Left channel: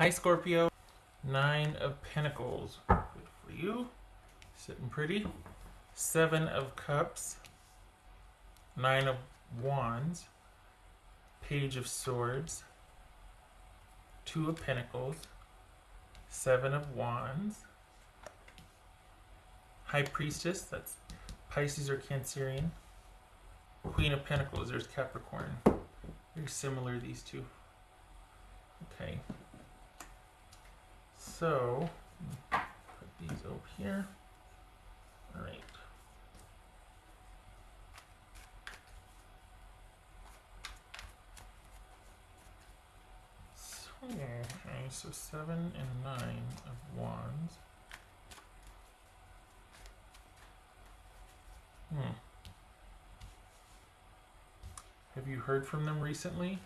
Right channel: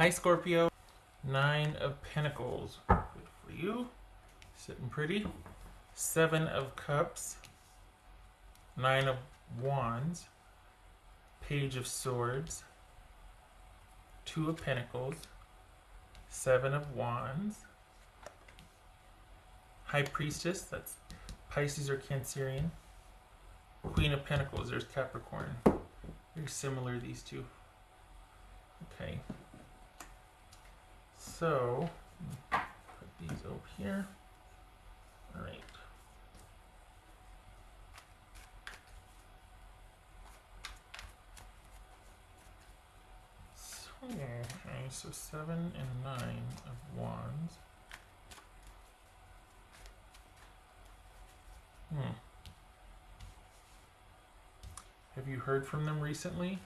Hi, Scorpio. Nine of Pentacles. Good for you. Sitting pretty. Seven of Cups. Nine of Wands. Page of Swords. Two of Pentacles. Seven of Wands. High Priestess. That's Pisces or Cancerian. Queen of Pentacles. There's Capricorn. Very similar, these two. Okay. So, put these over here. All right. So 7 and 9 of Wands. Have you heard from them recently?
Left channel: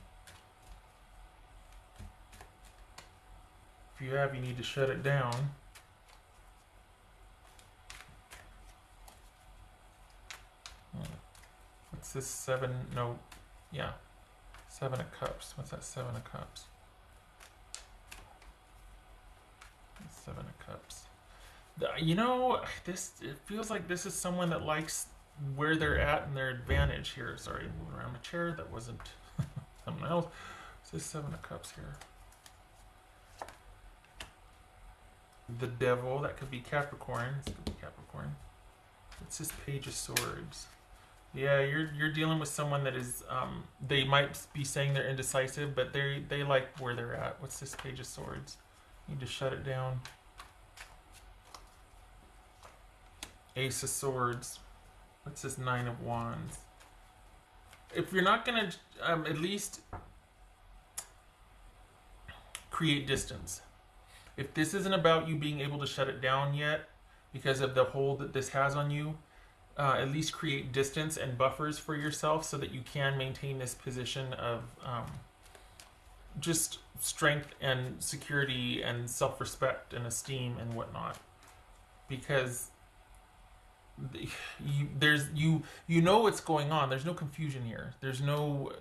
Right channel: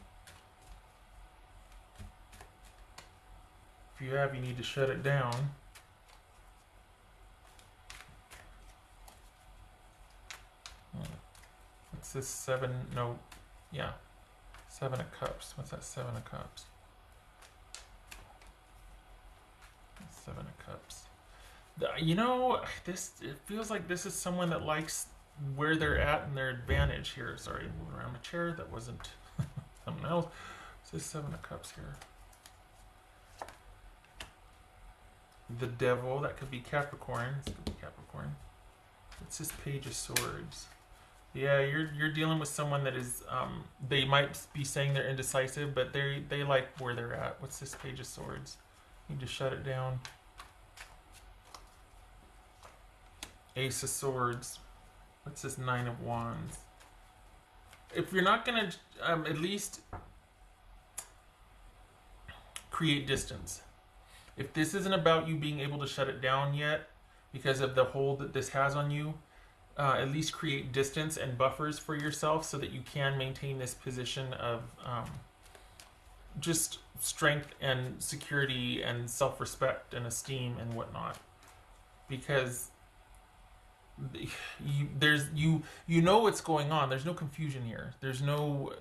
If you have, you need to shut it down. What's this? 7? No. Yeah. 7 of Cups. What's that 7 of Cups? 7 of Cups. You know, it feels like this is someone that likes where they're at and their advantage here. Sorry, moving around the chair. That wasn't someone else. So 7 of Cups here. The Devil, that could be Capricorn. This could be Capricorn. It's this Page of Swords. Yeah, you're dealing with someone that is, they might be saying they're indecisive, but they like where they're at. What's this Page of Swords? You need to shut it down. Ace of Swords. What's this 9 of Wands? If you're not going to at least create distance. If this isn't about you being able to shut it down yet because of the hold that this has on you, at least create distance and buffers for yourself so that you can maintain this position of just strength and security and self-respect and esteem and whatnot. Because you know what's going on. There's no confusion here. There's no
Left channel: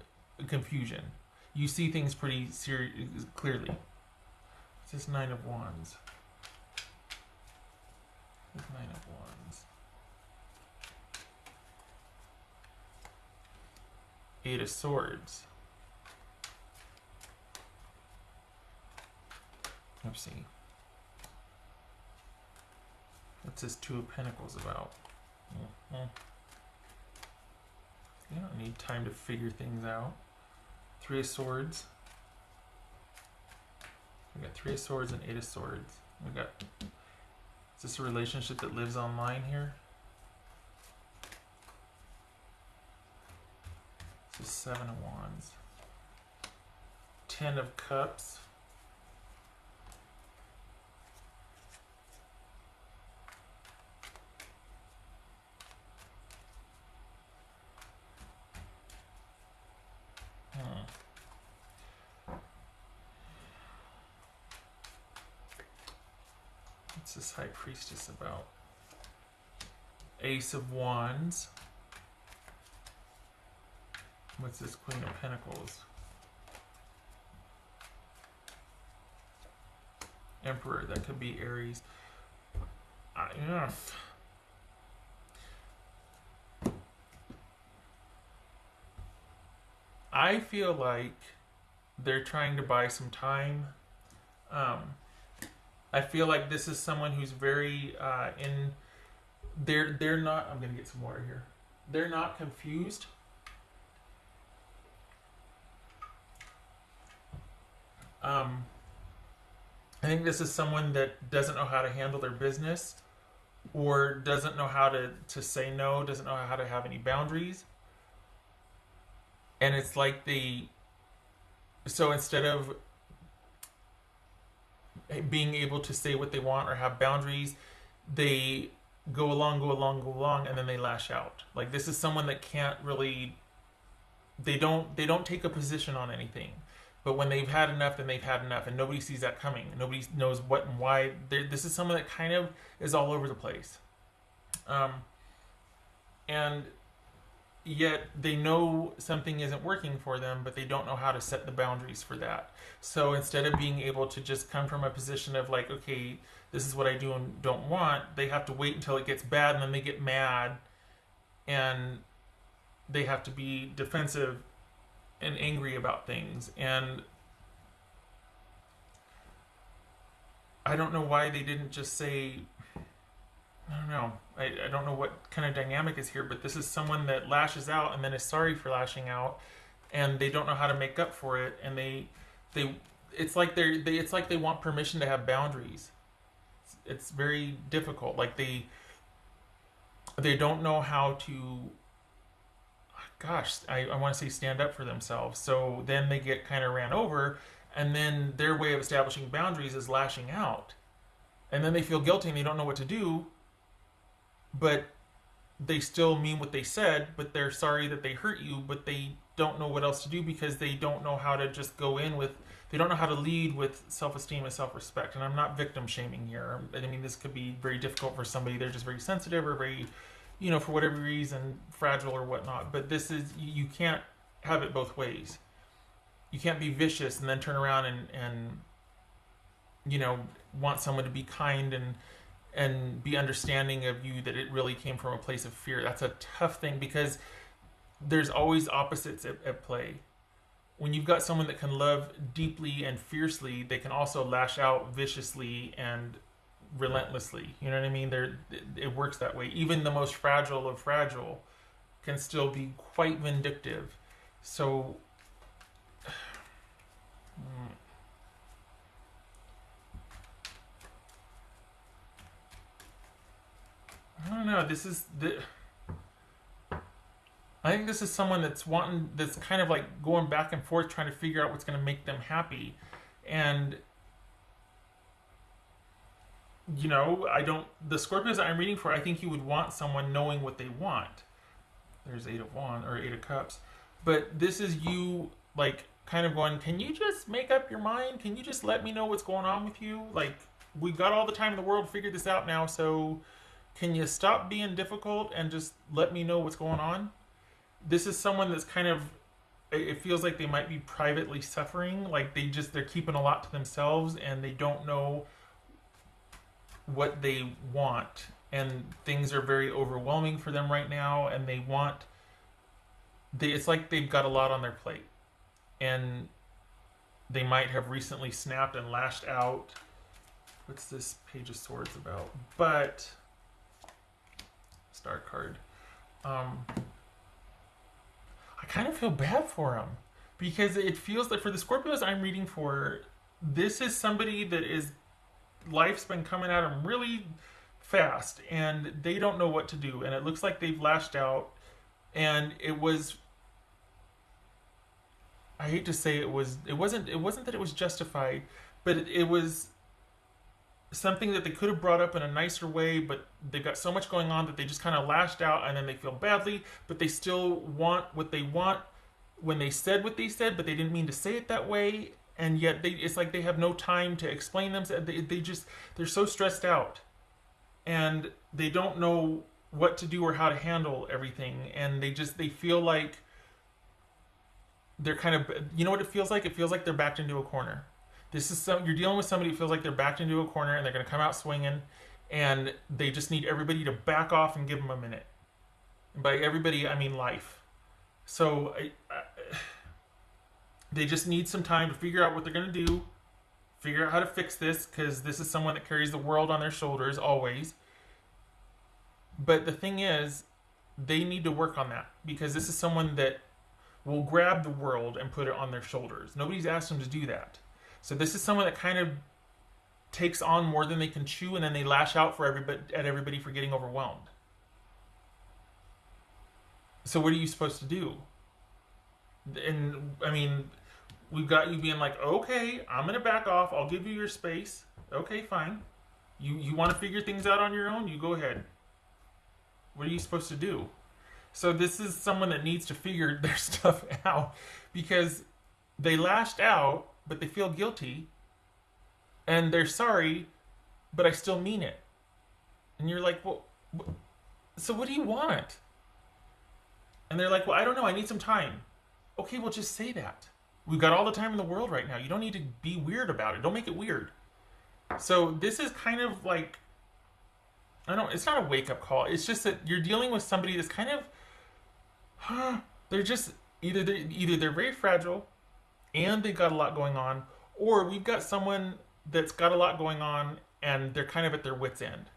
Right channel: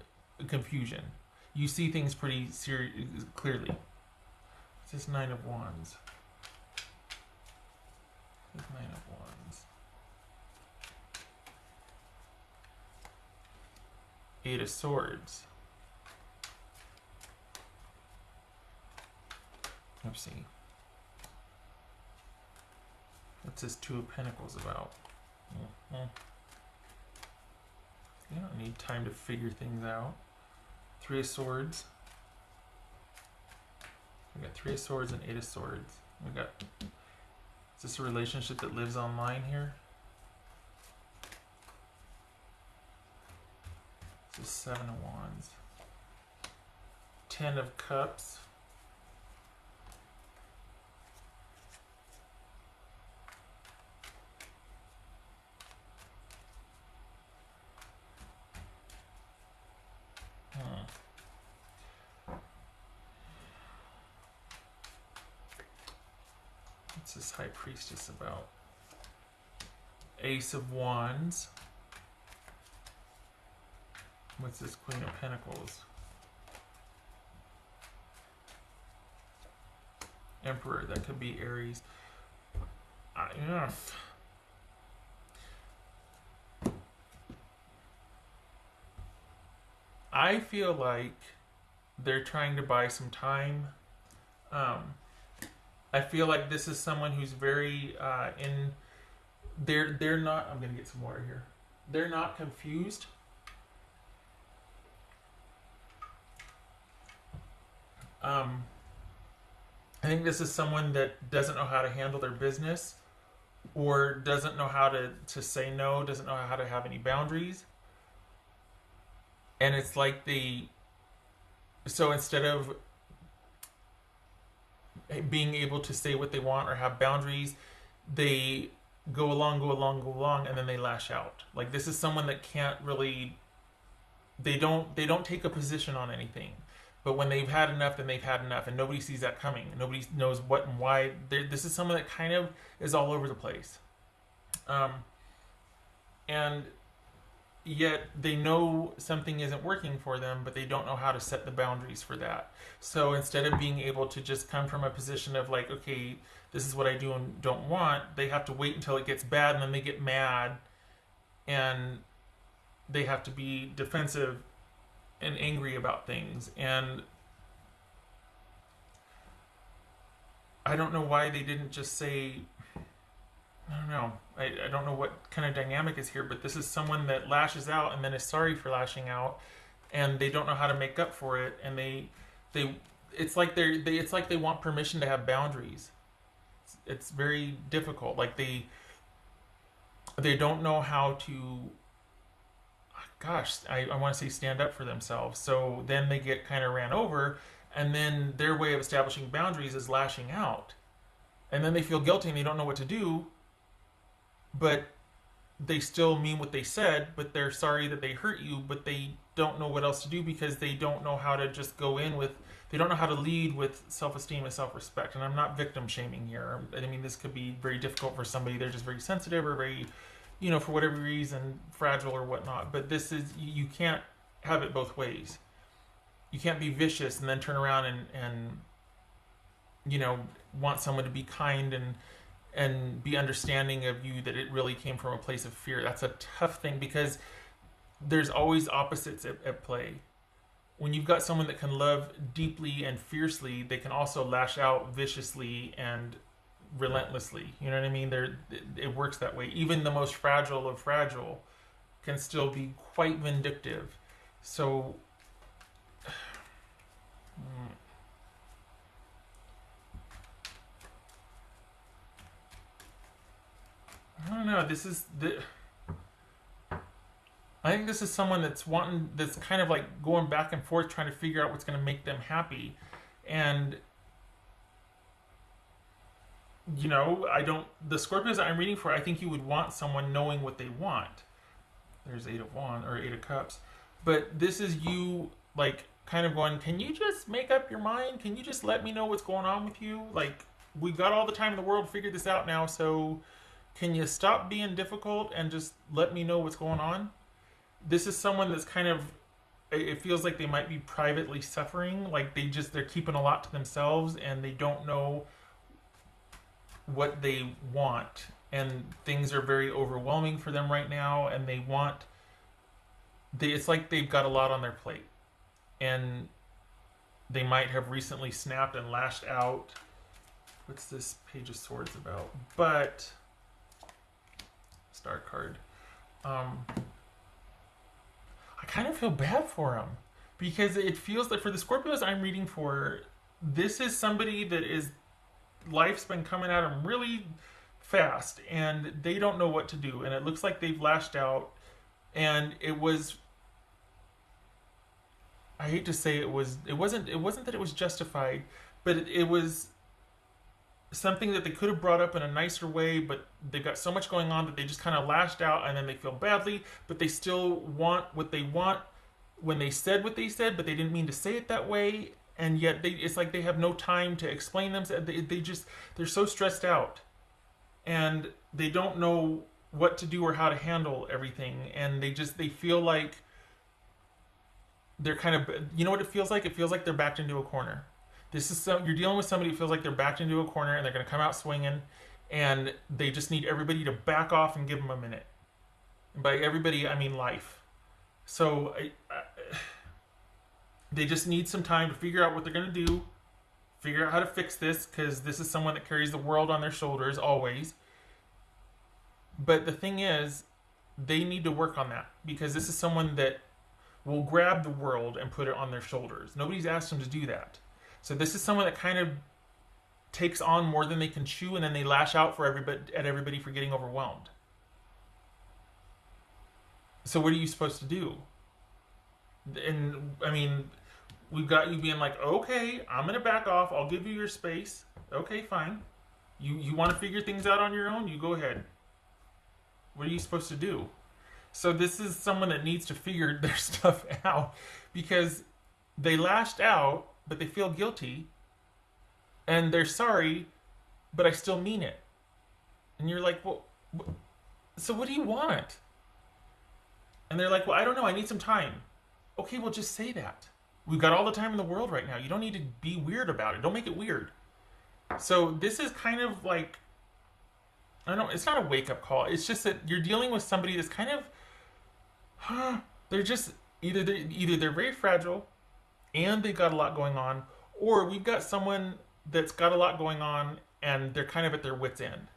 confusion. You see things pretty clearly. This 9 of Wands. This 9 of Wands. 8 of Swords. Let's see. What's this 2 of Pentacles about? You don't need time to figure things out. 3 of Swords. We got 3 of Swords and 8 of Swords. We got. Is this a relationship that lives online here? This is 7 of Wands. 10 of Cups. What's this High Priestess about? Ace of Wands. What's this Queen of Pentacles? Emperor, that could be Aries. Yeah. I feel like they're trying to buy some time. I feel like this is someone who's very they're not. I'm gonna get some water here. They're not confused. I think this is someone that doesn't know how to handle their business, or doesn't know how to say no, doesn't know how to have any boundaries. And it's like so instead of being able to say what they want or have boundaries, they go along, and then they lash out. Like, this is someone that can't really, they don't take a position on anything. But when they've had enough, then they've had enough, and nobody sees that coming. Nobody knows what and why. This is someone that kind of is all over the place. And yet they know something isn't working for them, but they don't know how to set the boundaries for that. So instead of being able to just come from a position of like, okay, this is what I do and don't want, they have to wait until it gets bad, and then they get mad, and they have to be defensive and angry about things. And I don't know why they didn't just say, I don't know. I don't know what kind of dynamic is here, but this is someone that lashes out and then is sorry for lashing out, and they don't know how to make up for it, and they it's like it's like they want permission to have boundaries. It's very difficult. Like they don't know how to. Gosh, I want to say stand up for themselves. So then they get kind of ran over, and then their way of establishing boundaries is lashing out, and then they feel guilty and they don't know what to do. But they still mean what they said, but they're sorry that they hurt you, but they don't know what else to do because they don't know how to just go in with, they don't know how to lead with self-esteem and self-respect. And I'm not victim shaming here. I mean, this could be very difficult for somebody. They're just very sensitive or very, for whatever reason, fragile or whatnot. But this is, you can't have it both ways. You can't be vicious and then turn around and want someone to be kind and be understanding of you, that it really came from a place of fear. That's a tough thing because there's always opposites at play. When you've got someone that can love deeply and fiercely, they can also lash out viciously and relentlessly. You know what I mean? It works that way. Even the most fragile of fragile can still be quite vindictive. So I don't know. I think this is someone that's kind of like going back and forth, trying to figure out what's going to make them happy. And, the Scorpios that I'm reading for, I think you would want someone knowing what they want. There's Eight of Cups. But this is you, like, kind of going, can you just make up your mind? Can you just let me know what's going on with you? Like, we got all the time in the world to figure this out now, so can you stop being difficult and just let me know what's going on? This is someone that's kind of, it feels like they might be privately suffering. Like they're keeping a lot to themselves and they don't know what they want. And things are very overwhelming for them right now. And it's like they've got a lot on their plate. And they might have recently snapped and lashed out. What's this Page of Swords about? But Star card. I kind of feel bad for him because it feels like for the Scorpios I'm reading for, this is somebody that life's been coming at them really fast and they don't know what to do, and it looks like they've lashed out, and I hate to say it wasn't that it was justified, but it was something that they could have brought up in a nicer way, but they've got so much going on that they just kind of lashed out, and then they feel badly, but they still want what they want when they said what they said, but they didn't mean to say it that way, and yet it's like they have no time to explain themselves. They're so stressed out, and they don't know what to do or how to handle everything, and they feel like they're kind of, what it feels like? It feels like they're backed into a corner. You're dealing with somebody who feels like they're backed into a corner and they're going to come out swinging, and they just need everybody to back off and give them a minute. And by everybody, I mean life. So they just need some time to figure out what they're going to do, figure out how to fix this, because this is someone that carries the world on their shoulders always. But the thing is, they need to work on that, because this is someone that will grab the world and put it on their shoulders. Nobody's asked them to do that. So this is someone that kind of takes on more than they can chew, and then they lash out at everybody for getting overwhelmed. So what are you supposed to do? And I mean, we've got you being like, okay, I'm going to back off. I'll give you your space. Okay, fine. You want to figure things out on your own? You go ahead. What are you supposed to do? So this is someone that needs to figure their stuff out, because they lashed out, but they feel guilty, and they're sorry, but I still mean it. And you're like, well, so what do you want? And they're like, well, I don't know, I need some time. Okay, well, just say that. We've got all the time in the world right now. You don't need to be weird about it. Don't make it weird. So this is kind of like, it's not a wake-up call. It's just that you're dealing with somebody that's kind of, they're just, either they're very fragile and they've got a lot going on, or we've got someone that's got a lot going on and they're kind of at their wit's end.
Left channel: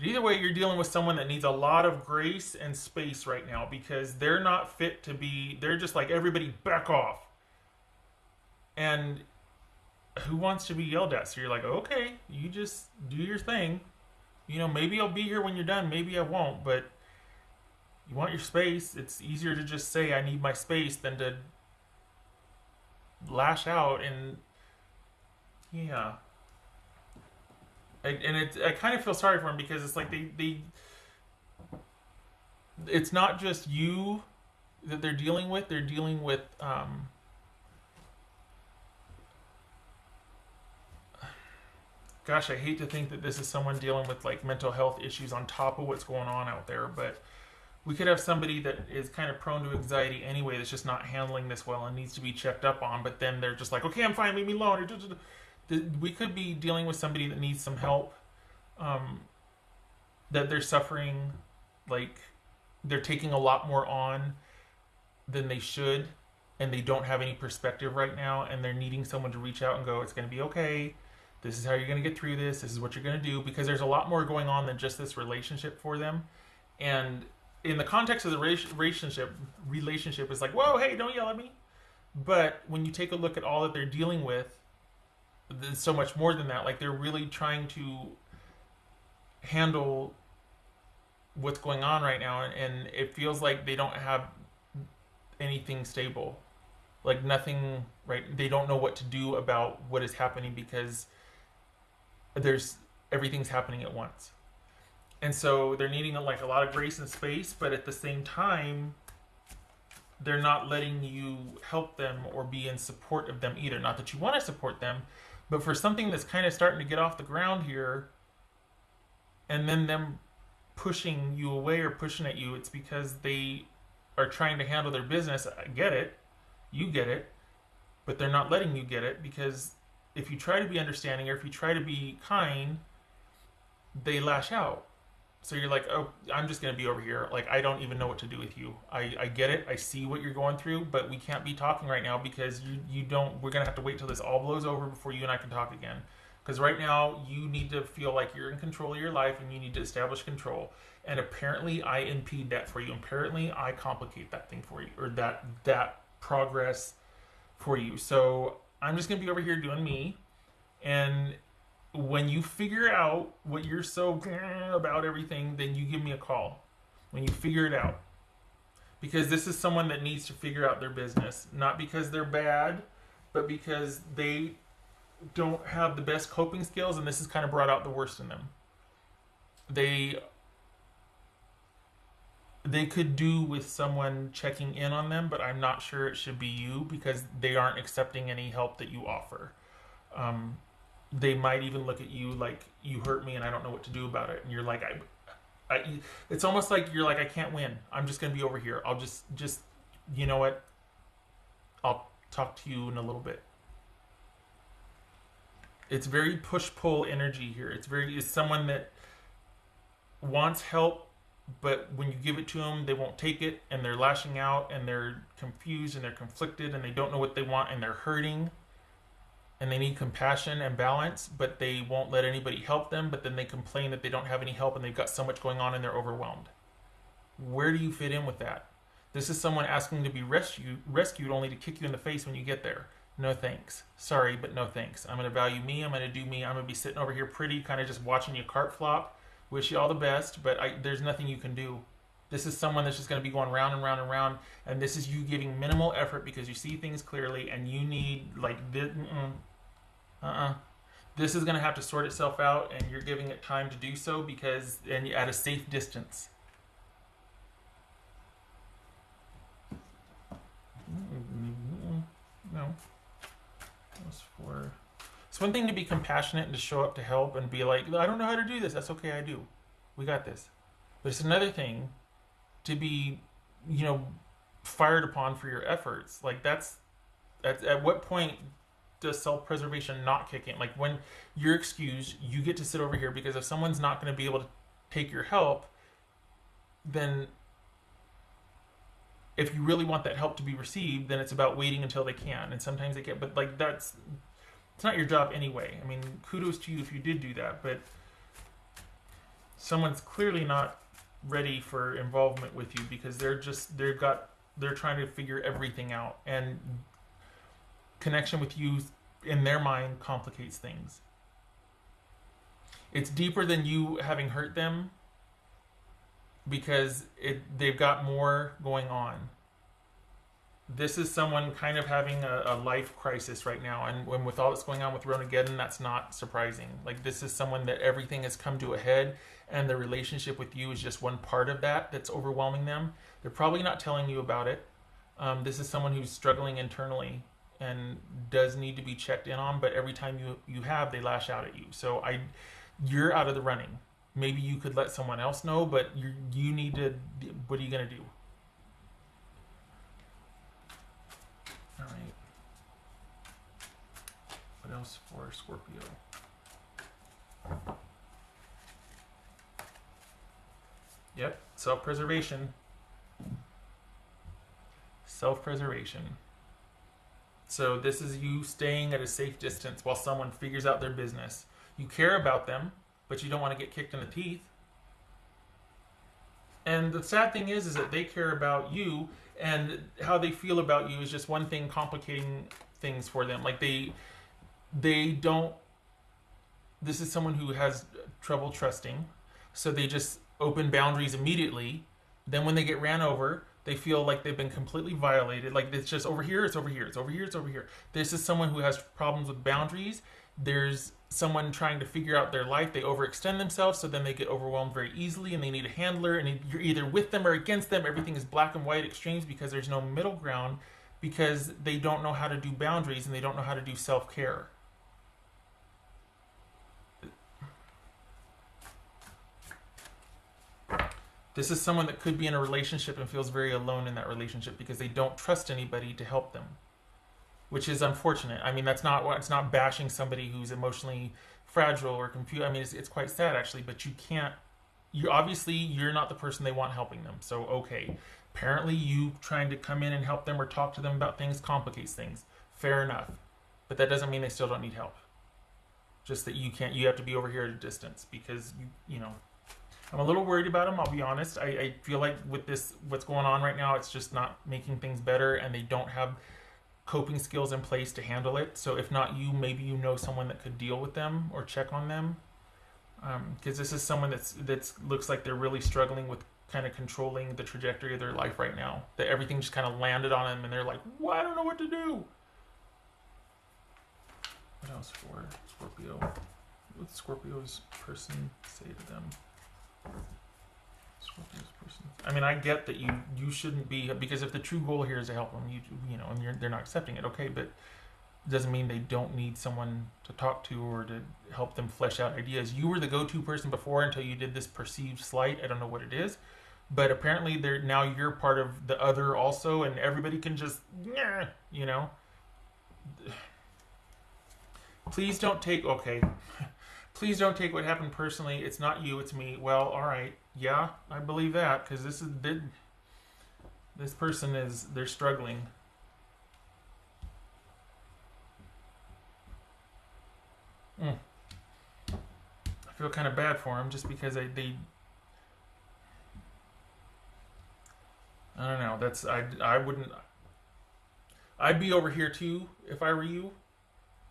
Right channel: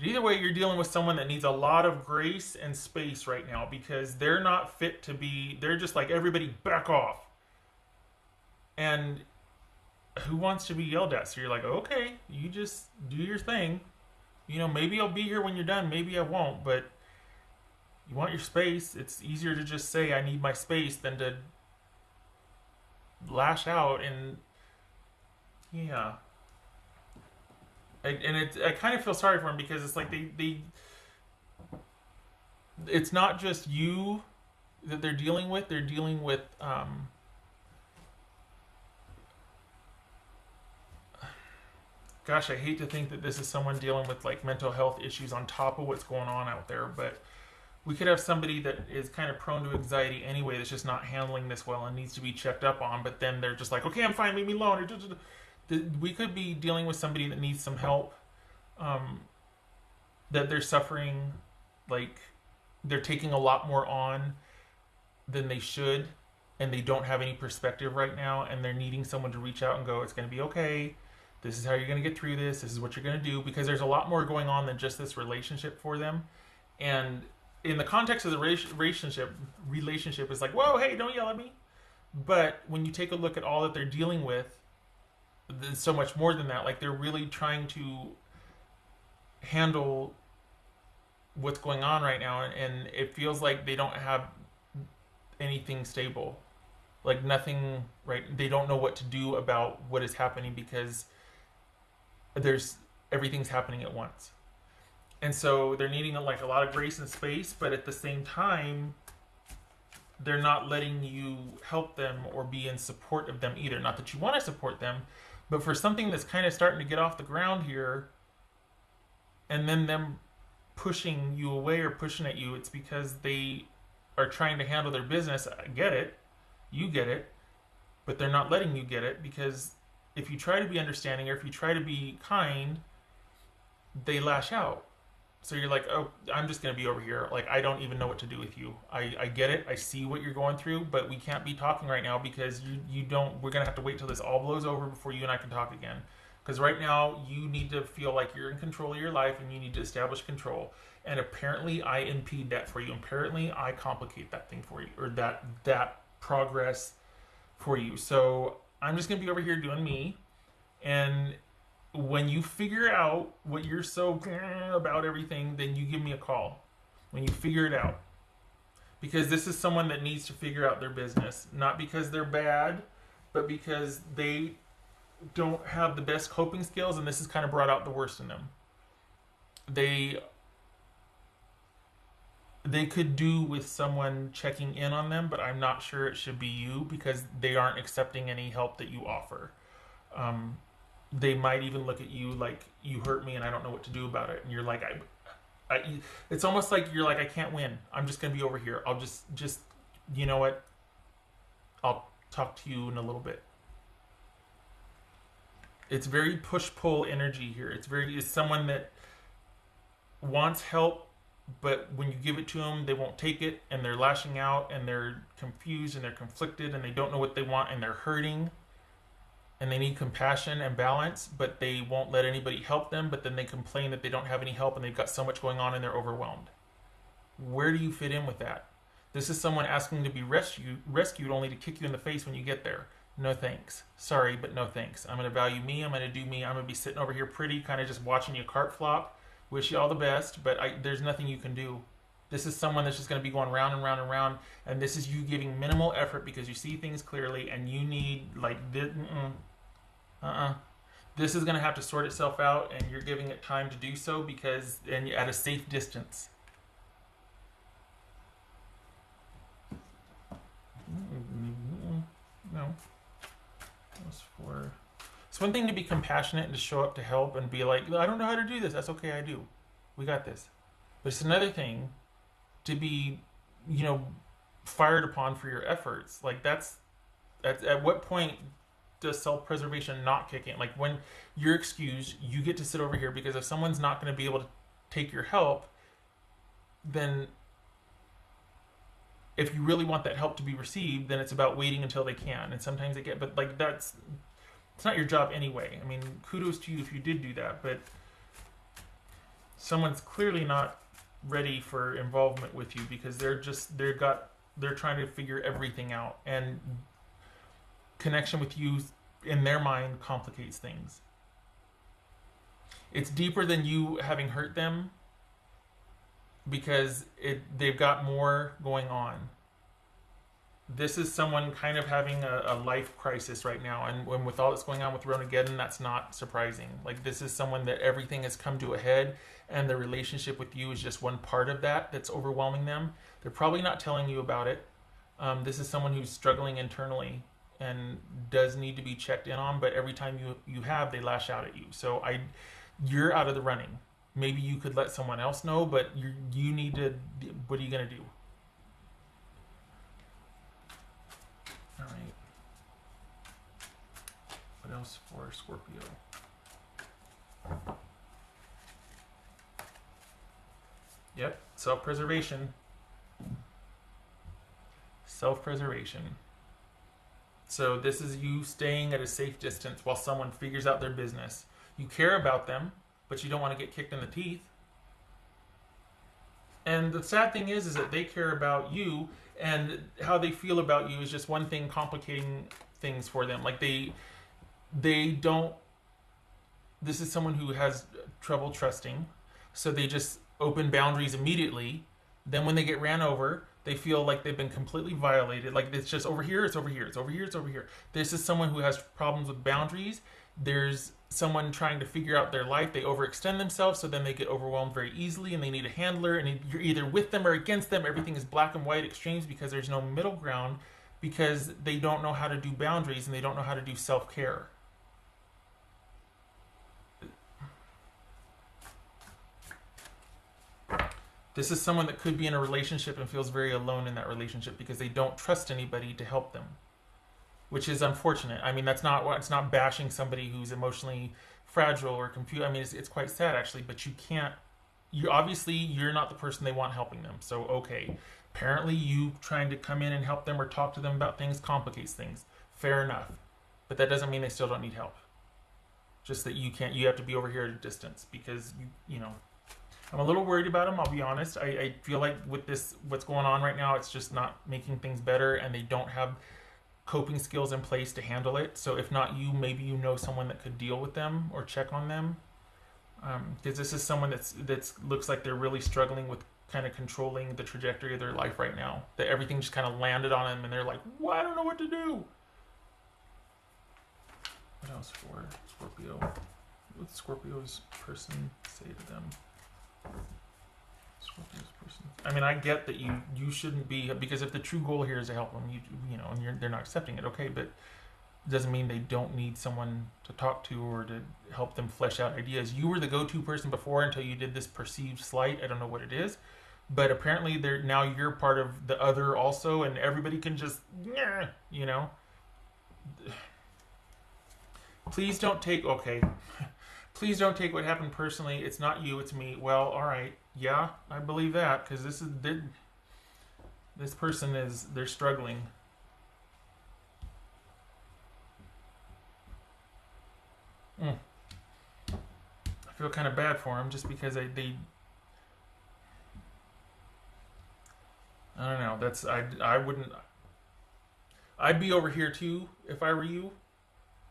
Either way, you're dealing with someone that needs a lot of grace and space right now because they're not fit to be, they're just like, everybody back off. And who wants to be yelled at? So you're like, okay, you just do your thing. You know, maybe I'll be here when you're done, maybe I won't, but you want your space. It's easier to just say, I need my space than to lash out. And yeah. I kind of feel sorry for him because it's like it's not just you that they're dealing with. They're dealing with gosh, I hate to think that this is someone dealing with like mental health issues on top of what's going on out there, but we could have somebody that is kind of prone to anxiety anyway that's just not handling this well and needs to be checked up on, but then they're just like, okay, I'm fine, leave me alone. We could be dealing with somebody that needs some help, that they're suffering, like they're taking a lot more on than they should, and they don't have any perspective right now, and they're needing someone to reach out and go, it's going to be okay. This is how you're going to get through this. This is what you're going to do, because there's a lot more going on than just this relationship for them. And in the context of the relationship is like, whoa, hey, don't yell at me. But when you take a look at all that they're dealing with, there's so much more than that. Like they're really trying to handle what's going on right now, and it feels like they don't have anything stable, like nothing, right? They don't know what to do about what is happening because everything's happening at once. And so they're needing like a lot of grace and space, but at the same time, they're not letting you help them or be in support of them either. Not that you want to support them, but for something that's kind of starting to get off the ground here, and then them pushing you away or pushing at you, it's because they are trying to handle their business. I get it. You get it. But they're not letting you get it, because if you try to be understanding or if you try to be kind, they lash out. So you're like, oh, I'm just going to be over here. Like, I don't even know what to do with you. I get it. I see what you're going through, but we can't be talking right now because you don't, we're going to have to wait till this all blows over before you and I can talk again. Because right now you need to feel like you're in control of your life and you need to establish control. And apparently I impede that for you. Apparently I complicate that thing for you, or that progress for you. So I'm just going to be over here doing me. And when you figure out what you're so about everything, then you give me a call when you figure it out. Because this is someone that needs to figure out their business. Not because they're bad, but because they don't have the best coping skills, and this has kind of brought out the worst in them. They could do with someone checking in on them, but I'm not sure it should be you, because they aren't accepting any help that you offer. They might even look at you like, you hurt me and I don't know what to do about it. And you're like, it's almost like you're like, I can't win. I'm just going to be over here. I'll just, you know what? I'll talk to you in a little bit. It's very push-pull energy here. It's someone that wants help, but when you give it to them, they won't take it, and they're lashing out, and they're confused, and they're conflicted, and they don't know what they want, and they're hurting. And they need compassion and balance, but they won't let anybody help them, but then they complain that they don't have any help and they've got so much going on and they're overwhelmed. Where do you fit in with that? This is someone asking to be rescued only to kick you in the face when you get there. No thanks. Sorry, but no thanks. I'm going to value me. I'm going to do me. I'm going to be sitting over here pretty, kind of just watching your cart flop. Wish you all the best, but there's nothing you can do. This is someone that's just going to be going round and round and round, and this is you giving minimal effort because you see things clearly, and you need, like, this is going to have to sort itself out, and you're giving it time to do so and at a safe distance. No. It's one thing to be compassionate and to show up to help and be like, I don't know how to do this. That's okay, I do. We got this. But it's another thing to be you know, fired upon for your efforts. Like that's at what point does self-preservation not kick in? Like when you're excused, you get to sit over here because if someone's not going to be able to take your help, then if you really want that help to be received, then it's about waiting until they can. And sometimes they get, but like that's, it's not your job anyway. I mean, kudos to you if you did do that, but someone's clearly not ready for involvement with you because they're trying to figure everything out, and connection with you in their mind complicates things. It's deeper than you having hurt them because they've got more going on. This is someone kind of having a life crisis right now, and when with all this going on with Ronageddon, that's not surprising. Like this is someone that everything has come to a head, and the relationship with you is just one part of that that's overwhelming them. They're probably not telling you about it. This is someone who's struggling internally and does need to be checked in on, but every time you have, they lash out at you. So you're out of the running. Maybe you could let someone else know, but you need to, what are you going to do? All right. What else for Scorpio? Yep, self-preservation. Self-preservation. So this is you staying at a safe distance while someone figures out their business. You care about them, but you don't want to get kicked in the teeth. And the sad thing is that they care about you, and how they feel about you is just one thing complicating things for them. Like they don't, this is someone who has trouble trusting, so they just open boundaries immediately. Then when they get ran over, they feel like they've been completely violated. Like it's just over here, it's over here, it's over here, it's over here. This is someone who has problems with boundaries. There's someone trying to figure out their life. They overextend themselves, so then they get overwhelmed very easily, and they need a handler, and you're either with them or against them. Everything is black and white extremes because there's no middle ground, because they don't know how to do boundaries and they don't know how to do self-care. This is someone that could be in a relationship and feels very alone in that relationship because they don't trust anybody to help them, which is unfortunate. I mean, it's not bashing somebody who's emotionally fragile or confused. I mean, it's quite sad actually, but you're not the person they want helping them. So, okay, apparently you trying to come in and help them or talk to them about things complicates things. Fair enough. But that doesn't mean they still don't need help. Just that you have to be over here at a distance because, I'm a little worried about them, I'll be honest. I feel like with what's going on right now, it's just not making things better, and they don't have coping skills in place to handle it. So if not you, maybe you know someone that could deal with them or check on them. Because this is someone that's looks like they're really struggling with kind of controlling the trajectory of their life right now. That everything just kind of landed on them, and they're like, well, I don't know what to do. What else for Scorpio? What Scorpio's person say to them? Scorpio's person. I mean, I get that you shouldn't be, because if the true goal here is to help them, and they're not accepting it, okay, but it doesn't mean they don't need someone to talk to or to help them flesh out ideas. You were the go-to person before until you did this perceived slight. I don't know what it is, but apparently now you're part of the other also, and everybody can just, Please don't take what happened personally. It's not you, it's me. Well, all right. Yeah, I believe that, because this person they're struggling. I feel kind of bad for them just because I don't know. I'd be over here too if I were you.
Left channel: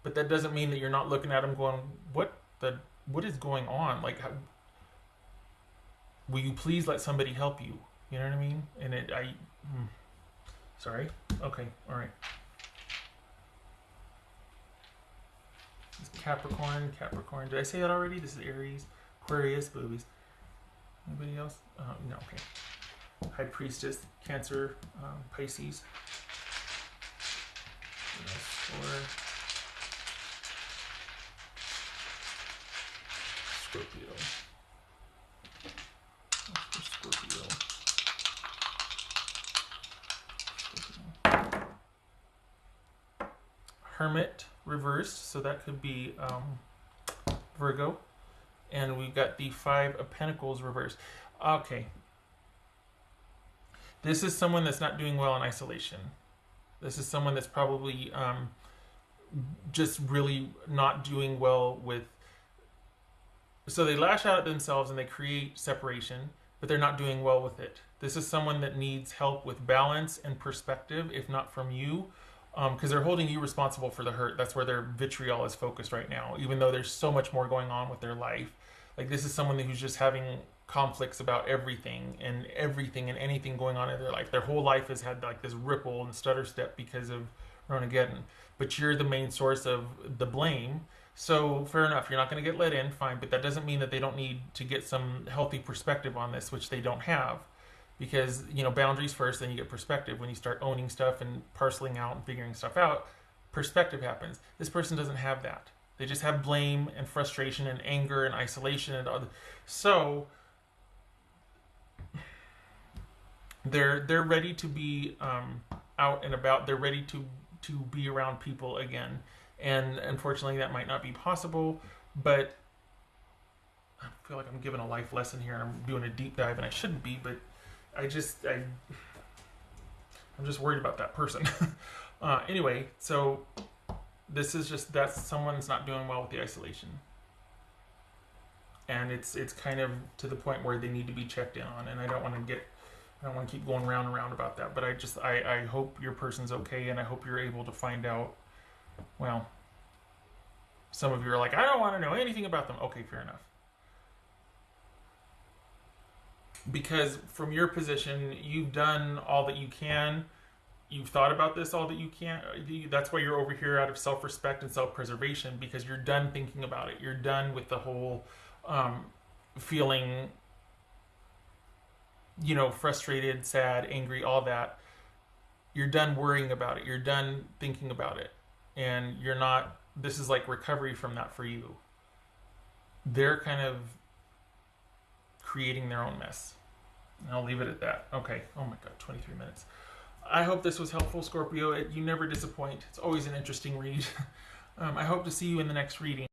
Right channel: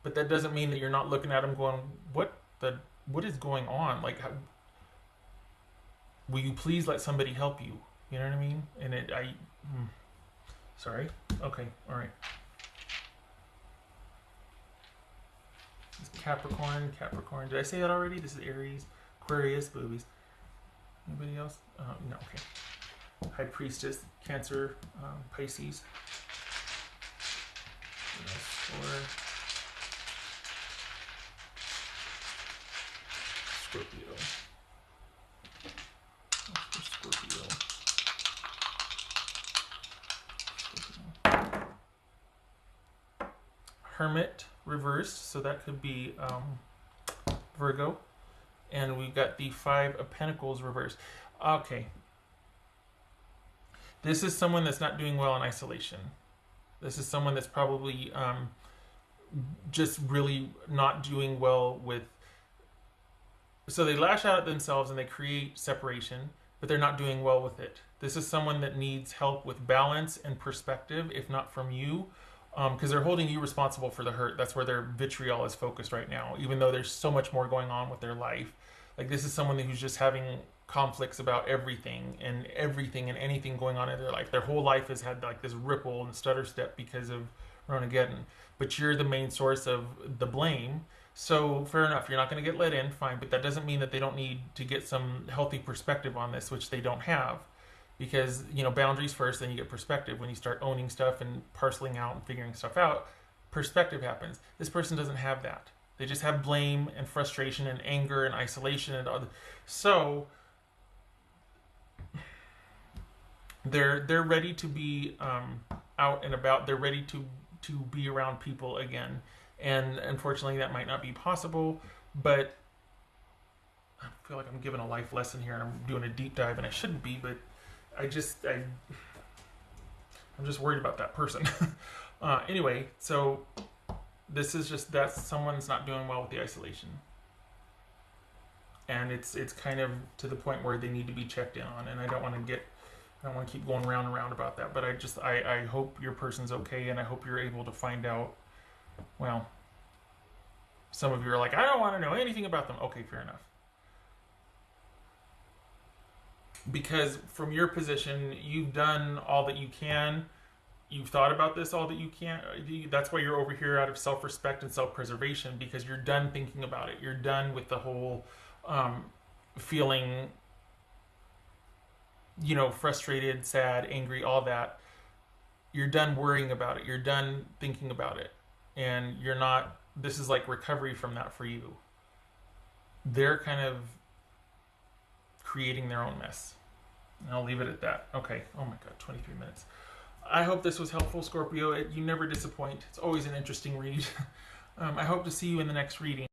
But that doesn't mean that you're not looking at them going, what is going on? Like, will you please let somebody help you? You know what I mean? And sorry. Okay. All right. This is Capricorn. Did I say that already? This is Aries. Aquarius. Boobies. Anybody else? No. Okay. High Priestess. Cancer. Pisces. What else for Scorpio? Hermit reversed, so that could be Virgo. And we've got the Five of Pentacles reversed. Okay. This is someone that's not doing well in isolation. This is someone that's probably just really not doing well with... So they lash out at themselves and they create separation, but they're not doing well with it. This is someone that needs help with balance and perspective, if not from you, because they're holding you responsible for the hurt. That's where their vitriol is focused right now, even though there's so much more going on with their life. Like, this is someone who's just having conflicts about everything and anything going on in their life. Their whole life has had like this ripple and stutter step because of Armageddon. But you're the main source of the blame. So fair enough, you're not going to get let in, fine. But that doesn't mean that they don't need to get some healthy perspective on this, which they don't have. Because, you know, boundaries first, then you get perspective. When you start owning stuff and parceling out and figuring stuff out, perspective happens. This person doesn't have that. They just have blame and frustration and anger and isolation and other. So they're ready to be out and about. They're ready to be around people again. And unfortunately, that might not be possible. But I feel like I'm giving a life lesson here. I'm doing a deep dive, and I shouldn't be. But I'm just worried about that person. Anyway, so this is just, that's someone's not doing well with the isolation. And it's kind of to the point where they need to be checked in on. And I don't want to keep going round and round about that. But I hope your person's okay, and I hope you're able to find out. Well, some of you are like, I don't want to know anything about them. Okay, fair enough. Because from your position, you've done all that you can. You've thought about this all that you can. That's why you're over here out of self-respect and self-preservation, because you're done thinking about it. You're done with the whole feeling, you know, frustrated, sad, angry, all that. You're done worrying about it. You're done thinking about it. And you're not, this is like recovery from that for you. They're kind of creating their own mess. And I'll leave it at that. Okay. Oh my God, 23 minutes. I hope this was helpful, Scorpio. You never disappoint. It's always an interesting read. I hope to see you in the next reading.